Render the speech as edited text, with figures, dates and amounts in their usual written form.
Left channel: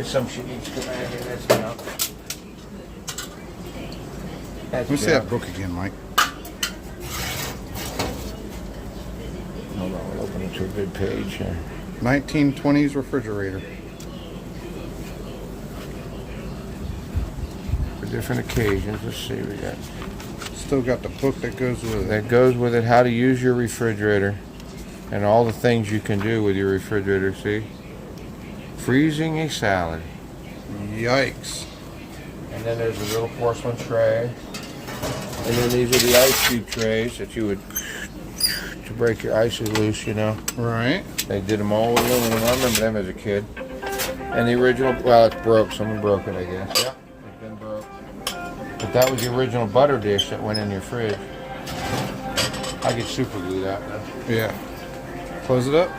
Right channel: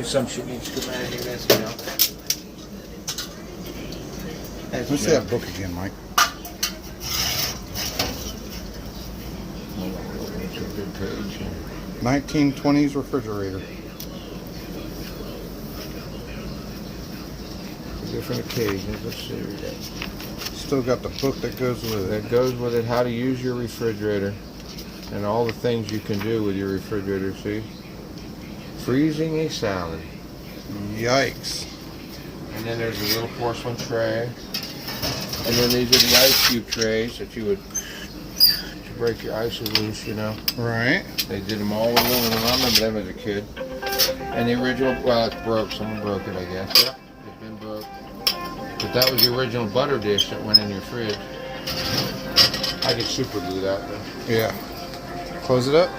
There's some shit needs to come out of here. That's junk. That's Let me see that book again, Mike. Looking into a good page here. 1920s refrigerator. For different occasions. Let's see what we got. Still got the book that goes with it. That goes with it, how to use your refrigerator and all the things you can do with your refrigerator, see? Freezing a salad. Yikes. And then there's a little porcelain tray. And then these are the ice cube trays that you would, to break your ices loose, you know. Right. They did them all with aluminum. I remember them as a kid. And the original, well, it's broke. Someone broke it, I guess. Yep, it's been broke. But that was the original butter dish that went in your fridge. I could super glue that. Yeah. Close it up.